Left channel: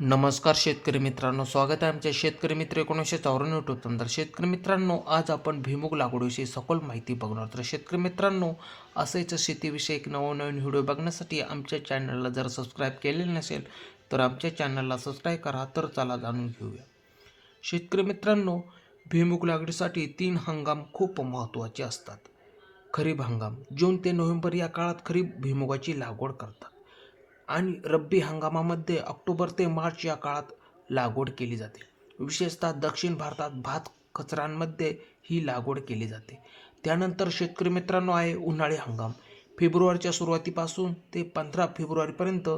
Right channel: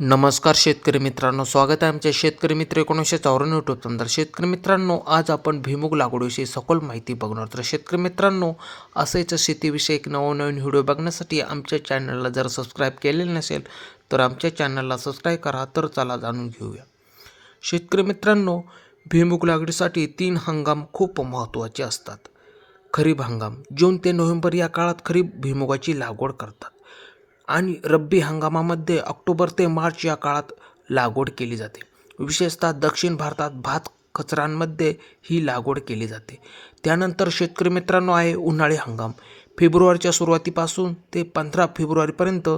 नमस्कार शेतकरी मित्रांनो, स्वागत आहे आमच्या शेतकरी मित्र 1954 यूट्यूब चॅनल. शेतकरी मित्रांनो, आज आपण भुईमूग लागवडीविषयी सखोल माहिती बघणार. तर शेतकरी मित्रांनो, असेच शेतीविषयक नवनवीन व्हिडिओ बघण्यासाठी आमच्या चॅनलला जर सबस्क्राईब केलेले नसेल तर आमच्या चॅनलला सबस्क्राईब करा. तर चला जाणून घेऊया. शेतकरी मित्रांनो, भुईमूग लागवडीसाठी 3 हंगाम खूप महत्त्वाचे असतात. खरीप हंगाम जून ते नोव्हेंबर या काळात खरीप भुईमुगाची लागवड करतात आणि रब्बी हंगामामध्ये ऑक्टोबर ते मार्च या काळात लागवड केली जाते. विशेषतः दक्षिण भारतात भात कचरांमध्ये ही लागवड केली जाते. त्यानंतर शेतकरी मित्रांनो आहे उन्हाळी हंगाम. फेब्रुवारीच्या सुरुवातीपासून ते 15 फेब्रुवारीपर्यंत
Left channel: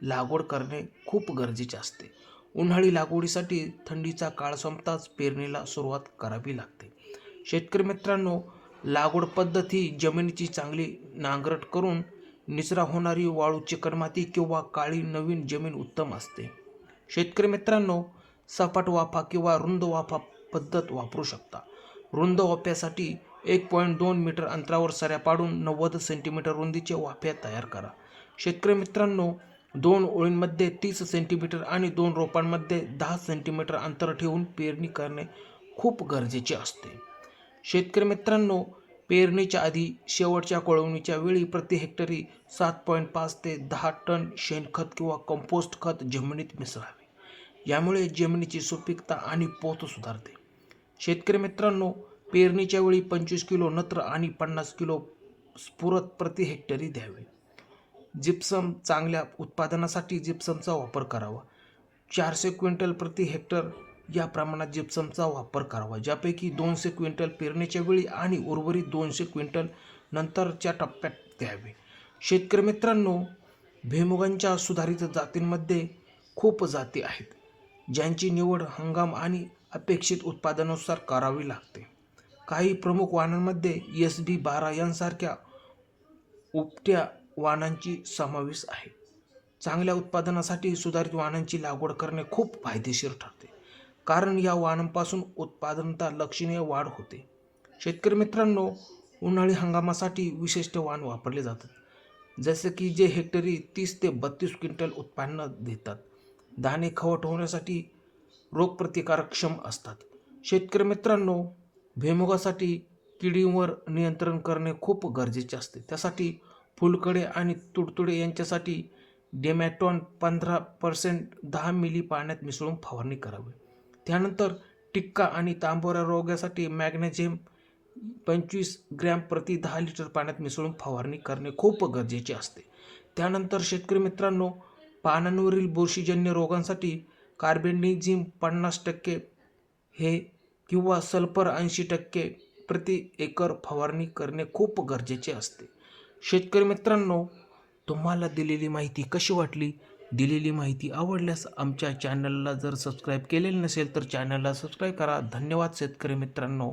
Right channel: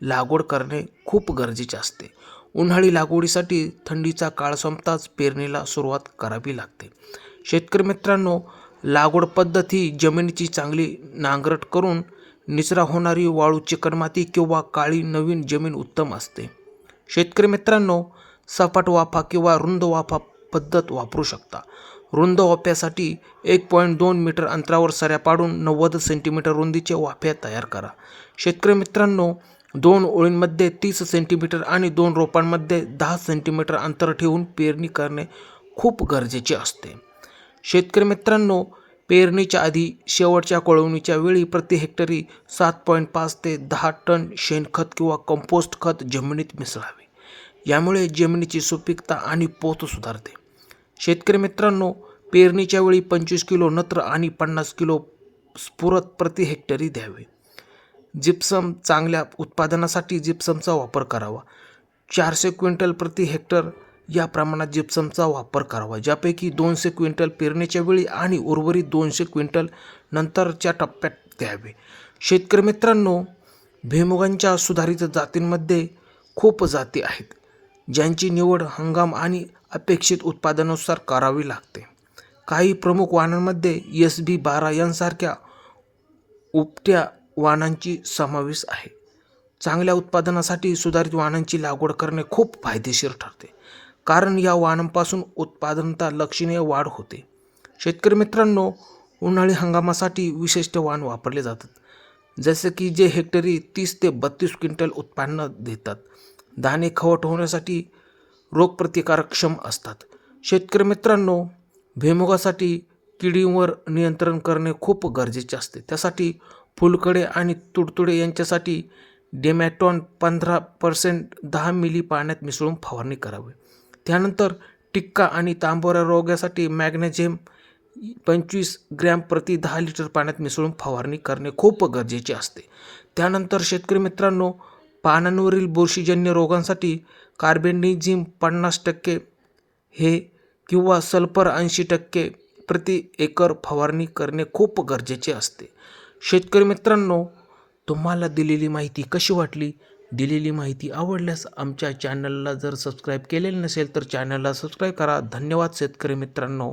लागवड करणे खूप गरजेचे असते. उन्हाळी लागवडीसाठी थंडीचा काळ संपताच पेरणीला सुरुवात करावी लागते. शेतकरी मित्रांनो, लागवड पद्धत ही जमिनीची चांगली नांगरट करून निचरा होणारी वाळू, चिकणमाती किंवा काळी नवीन जमीन उत्तम असते. शेतकरी मित्रांनो, सपाट वाफा किंवा रुंद वाफा पद्धत वापरू शकता. रुंद वाफ्यासाठी 1.2 मीटर अंतरावर सऱ्या पाडून 90 सेंटीमीटर रुंदीचे वाफे तयार करा. शेतकरी मित्रांनो, 2 ओळींमध्ये 30 सेंटीमीटर आणि 2 रोपांमध्ये 10 सेंटीमीटर अंतर ठेवून पेरणी करणे खूप गरजेचे असते. शेतकरी मित्रांनो, पेरणीच्या आधी शेवटच्या कोळवणीच्या वेळी प्रति हेक्टरी 7.5 ते 10 टन शेणखत किंवा कंपोस्ट खत जमिनीत मिसळावे. यामुळे जमिनीची सुपीकता आणि पोत सुधारते. शेतकरी मित्रांनो, पेरणीच्या वेळी 25 किलो नत्र आणि 50 किलो स्फुरद प्रति हेक्टरी द्यावे. जिप्सम चांगल्या उत्पादनासाठी जिप्समचा वापर करावा. 400 क्विंटल प्रति हेक्टर या प्रमाणात जिप्समचा वापर करावा, ज्यापैकी 200 क्विंटल पेरणीच्या वेळी आणि उर्वरित 200 क्विंटल नंतरच्या टप्प्यात द्यावे. शेतकरी मित्रांनो, भुईमुगांच्या सुधारित जातींमध्ये खूप जाती आहेत, ज्यांची निवड हंगाम आणि अपेक्षित उत्पादनानुसार करावी लागते. काही प्रमुख वाणांमध्ये SB12 यांसारख्या उपट्या वाणांची समावेश आहे. चांगल्या उत्पादनासाठी सुधारित वाणांची लागवड करणे खूप फायदेशीर ठरते, कारण या वाणांपासून उत्पादनता लक्षणीय वाढ होते. शेतकरी मित्रांनो, उन्हाळी हंगामासाठी विशिष्ट वाण वापरले जातात, जसे की जे हेक्टरी 30 ते 32 क्विंटल उत्पन्न देतात. दाणे खवट होण्यासाठी रोगप्रतिकारक्षम असतात. शेतकरी मित्रांनो, भुईमुगासाठी किडींवर नियंत्रण करणे खूप गरजेचे असते. त्यासाठी फुलकडे आणि तुडतुडे यांच्यासाठी डेमॅटॉन 15% 10 मिली पाण्यात मिसळून फवारणी करावी. त्यानंतर टिक्का आणि तांबोरा रोगासाठी मॅग्नेशियम 25 ग्रॅम प्रति 10 लिटर पाण्यात मिसळून फवारणी करणे खूप गरजेचे असते. त्यानंतर शेतकरी मित्रांनो, पानांवरील बुरशीजन्य रोगांसाठी कार्बेंडिझिम 50% हे किंवा सल्फर 80% प्रति एकर फवारणी करणे खूप गरजेचे असते. शेतकरी मित्रांनो, तुम्हाला दिलेली माहिती कशी वाटली? दिलेली माहिती आवडल्यास आमच्या चॅनलला जर सबस्क्राईब केलेले नसेल तर चॅनलला सबस्क्राईब करा. धन्यवाद शेतकरी मित्रांनो.